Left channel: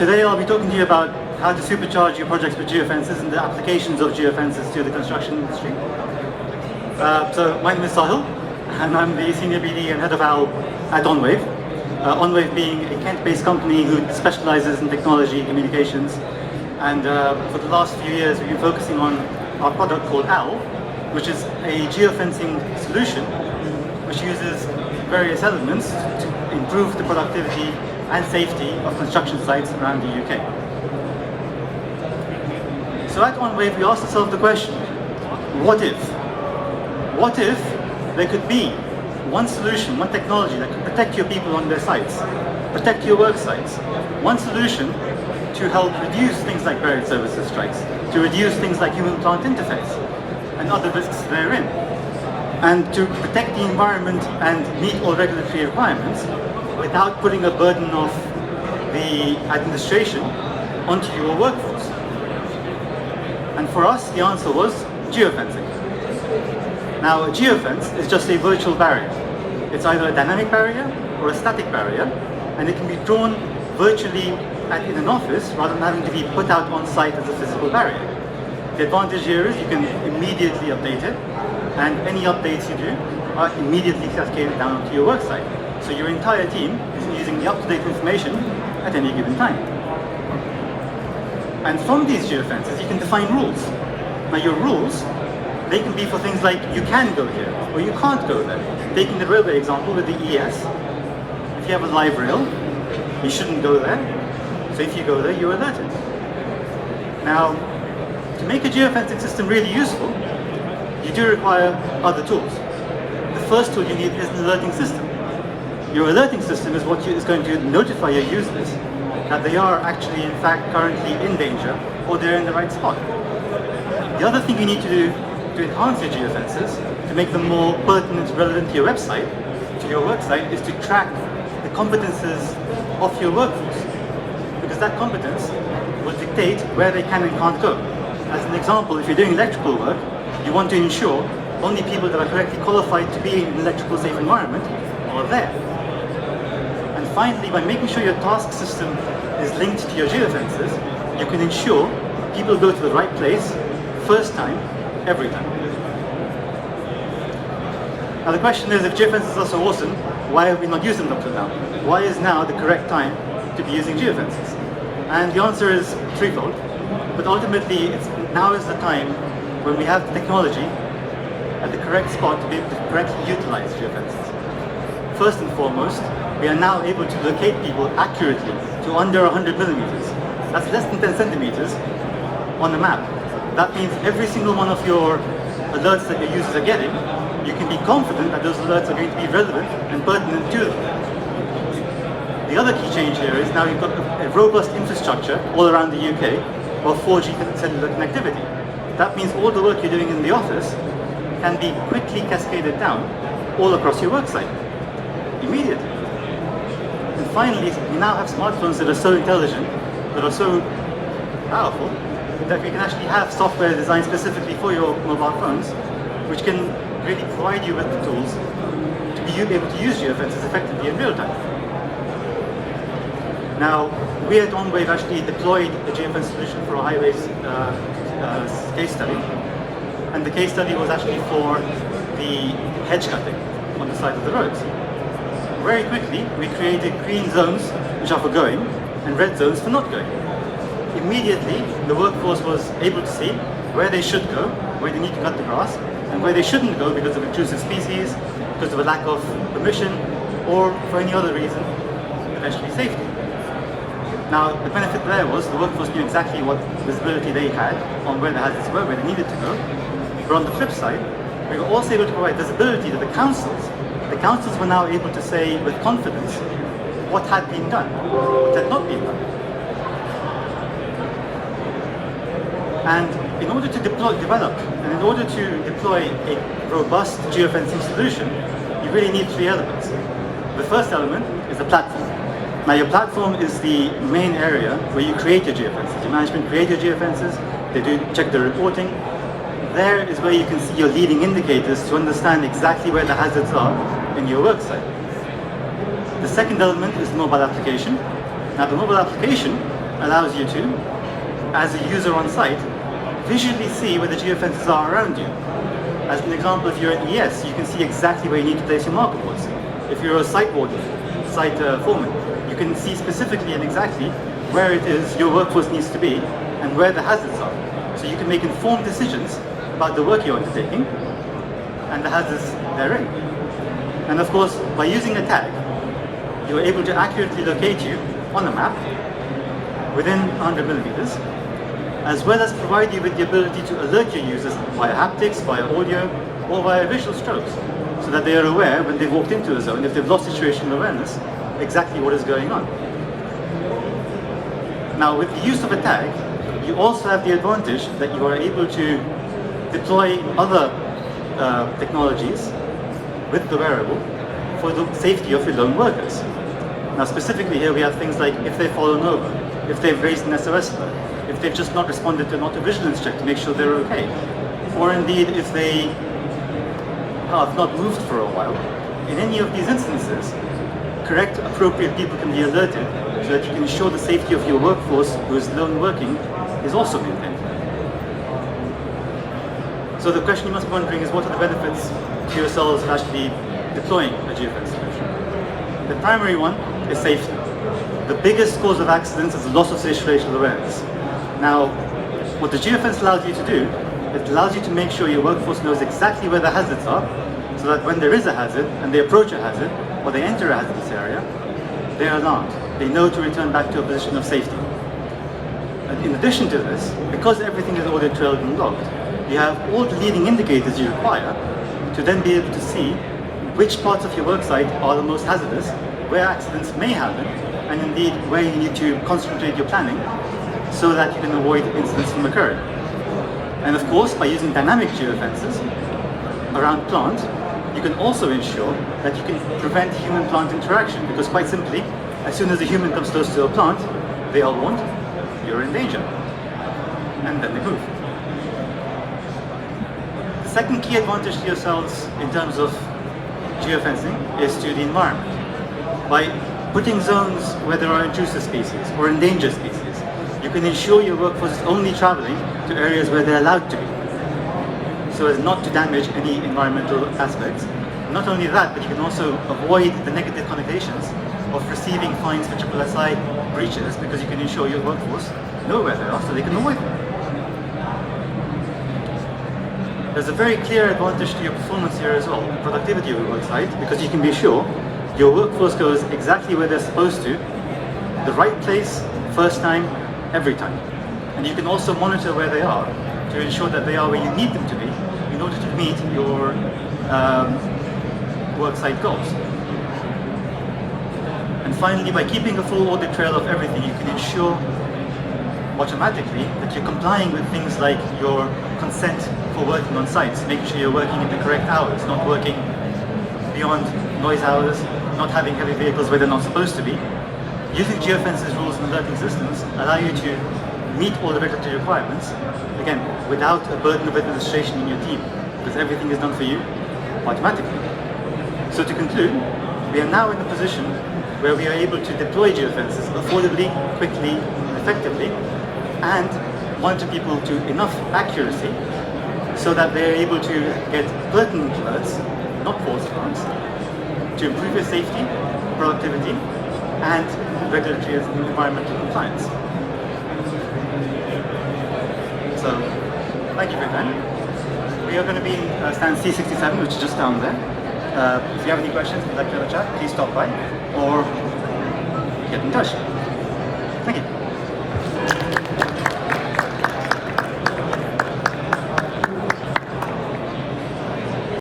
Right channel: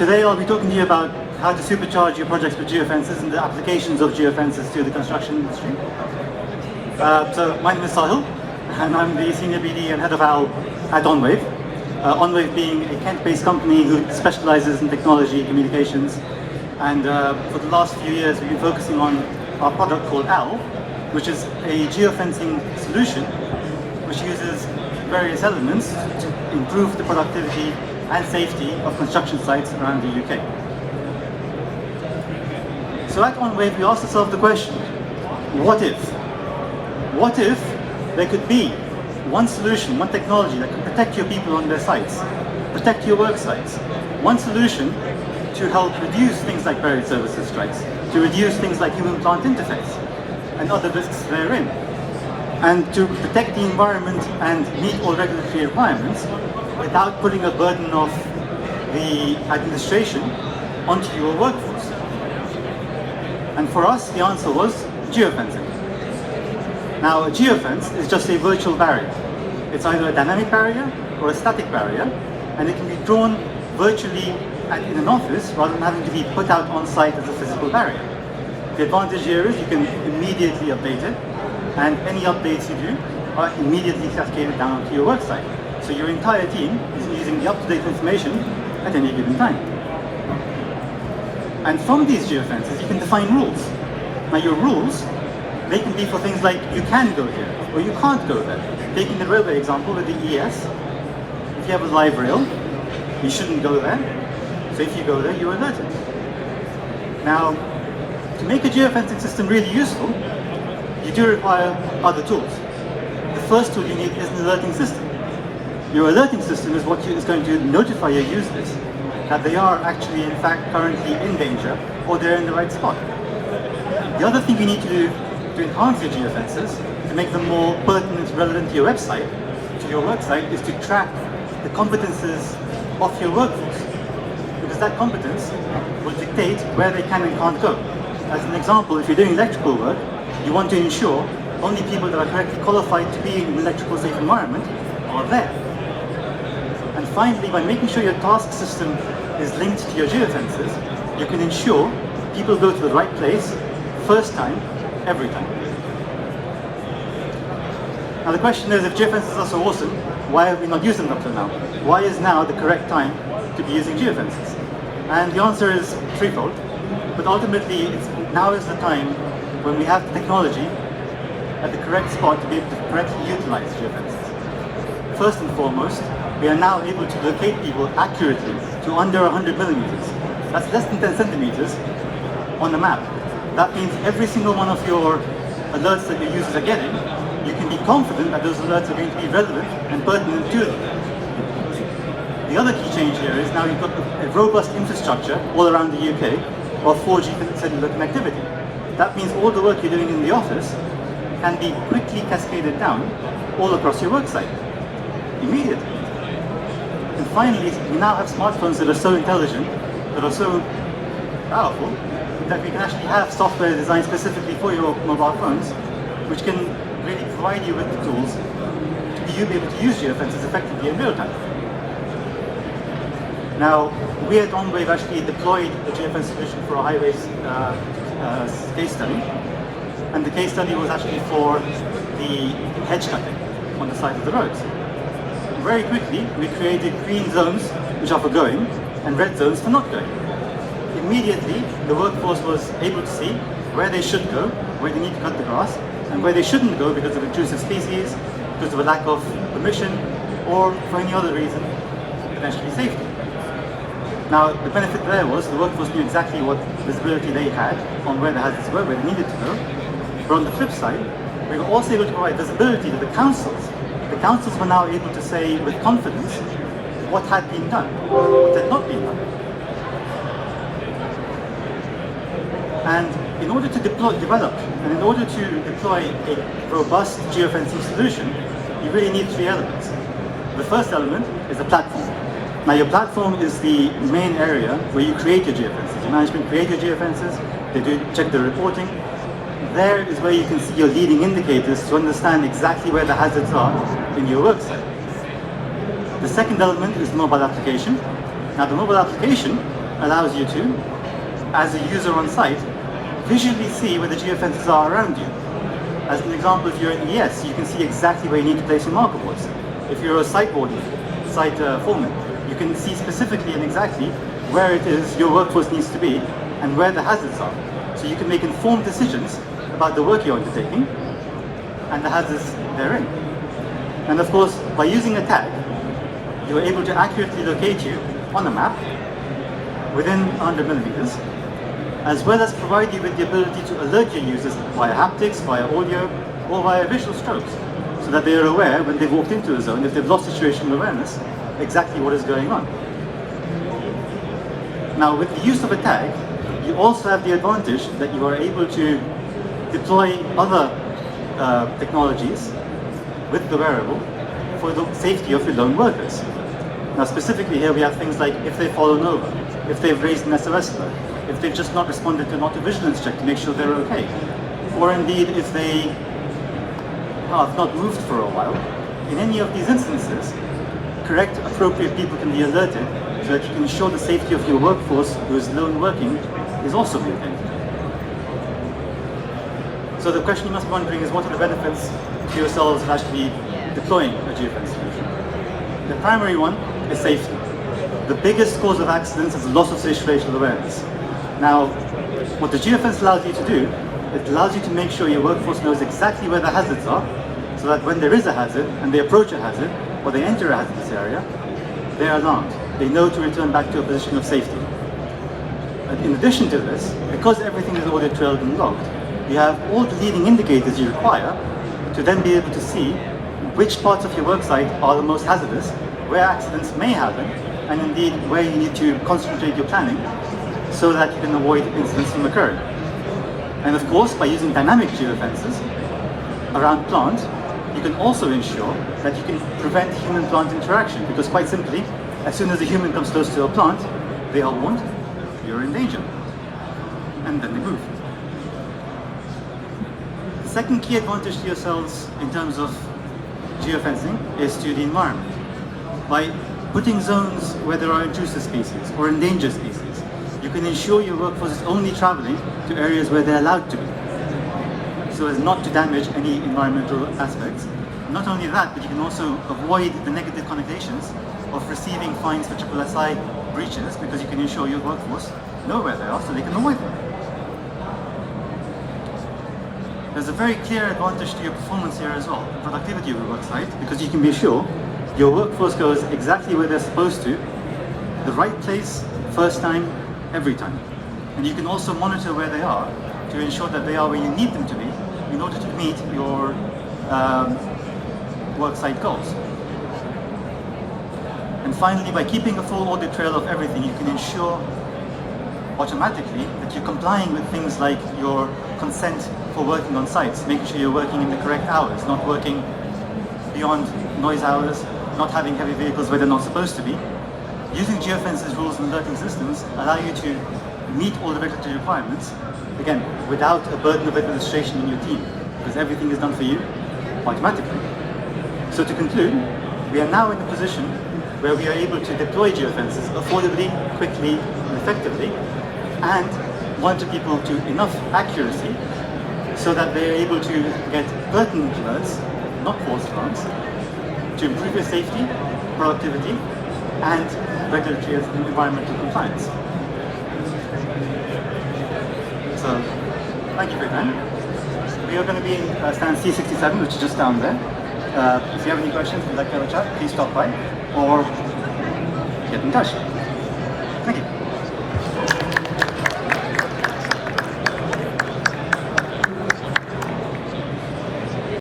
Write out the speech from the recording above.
Today I'll be talking to you about how to supercharge your projects with geofences and the applications of geofences to the construction industry. So my name is Saahil, and I'm the Senior BD and Head of OWL at Onwave. Onwave being a Kent-based company who specializes in technology, communications, and for the last few years we've been focusing on our product called OWL, which is a geofencing solution which uses various elements to improve the productivity and safety of construction sites around the UK. So at Onwave we asked ourselves the question, what if? What if there could be one solution, one technology that can protect your people on their sites, protect your work sites, one solution to help reduce things like buried services strikes, to reduce things like human-plant interface and other risks therein, and to protect the environment and meet all regulatory requirements without putting a burden of the administration onto your workforce. And for us, the answer was geofencing. Now, a geofence is just a virtual barrier. It's either a dynamic barrier or a static barrier, and it can be drawn virtually in an office rather than having to be put out on site as a physical barrier. The advantage here is you can immediately update it, and any updates you do are immediately cascaded down onto your work site. So your entire team is using the up-to-date information at any given time. And from these geofences, you can define rules. Now your rules, they can be for things like you can go here or you can't go there. Taking the railway example with the ES, if you have a live rail, you shouldn't go there. So if you go there, you're alerted. Now, to make a geofencing system really useful, you do require other tools. The first tool you need is an alerting system. Your alerting system is what is going to notify your users that they are actually, in fact, currently in danger or they're in the right spot. The other thing you need to do to enhance your geofences, to make them more pertinent, relevant to your website, to your work site, is to track the competences of your workforce. Because that competence will dictate where they can and can't go. As an example, if you're doing electrical work, you want to ensure only people that are correctly qualified to be in an electrical safe environment are there. And finally, by making sure your task system is linked to your geofences, you can ensure people go to the right place, first time, every time. Now the question is, if geofences are so awesome, why have we not used them up to now? Why is now the correct time to be using geofences? And the answer is threefold, but ultimately now is the time when we have the technology at the correct spot to be able to correctly utilize geofences. First and foremost, we are now able to locate people accurately to under 100 millimeters. That's less than 10 centimeters on the map. That means every single one of your alerts that your users are getting, you can be confident that those alerts are going to be relevant and pertinent to them. The other key change here is now you've got a robust infrastructure all around the UK of 4G cellular connectivity. That means all the work you're doing in the office can be quickly cascaded down all across your work site, immediately. And finally, we now have smartphones that are so intelligent, that are so powerful, that we can actually have software designed specifically for your mobile phones, which can really provide you with the tools to be able to use geofences effectively in real time. Now, we at Onwave actually deployed a geofence solution for a highways case study, and the case study was actually for the hedge cutting on the side of the roads. Very quickly, we created green zones, which are for going, and red zones for not going. Immediately, the workforce was able to see where they should go, where they need to cut the grass, and where they shouldn't go because of intrusive species, because of a lack of permission, or for any other reason, potentially safety. Now, the benefit there was the workforce knew exactly what visibility they had on where the hazards were, where they needed to go. But on the flip side, we were also able to provide visibility to the councils. The councils were now able to say with confidence what had been done, what had not been done. And in order to develop, and in order to deploy a robust geofencing solution, you really need three elements. The first element is the platform. Now your platform is the main area where you create your geofences. Your management create your geofences, they do check the reporting. There is where you can see your leading indicators to understand exactly where the hazards are in your work site. The second element is the mobile application. Now the mobile application allows you to, as a user on site, visually see where the geofences are around you. As an example, if you're at ES, you can see exactly where you need to place your marker boards. If you're a site foreman, you can see specifically and exactly where it is your workforce needs to be and where the hazards are. So you can make informed decisions about the work you're undertaking and the hazards therein. And of course, by using a tag, you're able to accurately locate you on a map within 100 millimeters, as well as provide you with the ability to alert your users via haptics, via audio, or via visual strokes, so that they are aware when they've walked into a zone, if they've lost situational awareness, exactly what is going on. Now, with the use of a tag, you also have the advantage that you are able to deploy other technologies with the wearable for the safety of your lone workers. Now, specifically here we have things like if they've fallen over, if they've raised an SOS alert, if they've just not responded to an auto-vigilance check to make sure they're okay, or indeed if they have not moved for a while. In any of these instances, correct, appropriate people can be alerted so that you can ensure the safety of your workforce who is lone working is also maintained. So the question you must be wondering is, what are the benefits to yourselves of actually deploying a geofence solution? The primary one is safety. The biggest cause of accidents is the loss of situational awareness. Now, what the geofence allows you to do, it allows you to make sure your workforce knows exactly where the hazards are, so that when there is a hazard and they approach a hazard or they enter a hazardous area, they are alarmed. They know to return back to a position of safety. And in addition to this, because everything is audit trailed and logged, you have all the leading indicators you require to then be able to see which parts of your worksite are the most hazardous, where accidents may happen, and indeed where you need to concentrate your planning so that you can avoid incidents from occurring. And of course, by using dynamic geofences around plant, you can also ensure that you can prevent human-plant interaction, because quite simply, as soon as a human comes close to a plant, they are warned, you're in danger, and then they move. The second key advantage to yourselves in terms of geofencing is to the environment. By putting zones where there are intrusive species or endangered species, you can ensure your workforce is only traveling to areas where they're allowed to be, so as not to damage any environmental aspects. Not only that, but you can also avoid the negative connotations of receiving fines for SSI breaches, because you can ensure your workforce know where they are so they can avoid them. There's a very clear advantage to your performance here as well, productivity of your worksite, because you can be sure your workforce goes exactly where they're supposed to, the right place, first time, every time. And you can also monitor where they are to ensure that they are where you need them to be in order to meet your worksite goals. And finally, by keeping a full audit trail of everything, you can ensure automatically that you're complying with things like your consent for working on sites, making sure you're working in the correct hours, not working beyond noise hours, not having heavy vehicles where they're not supposed to be. Using geofences rules and alerting systems allow you to meet all the regulatory requirements, again, without a burden of administration in your team, because everything is done for you automatically. So to conclude, we are now in a position where we are able to deploy geofences affordably, quickly, and effectively, and monitor people to enough accuracy so that they are able to get pertinent alerts, not false alarms, to improve your safety, productivity, and regulatory and environmental compliance. So, thank you for your time. We are going to be in stand C67, which is just down there. If you have any questions, if you'd like to have a chat, please stop by or get in touch. Thank you.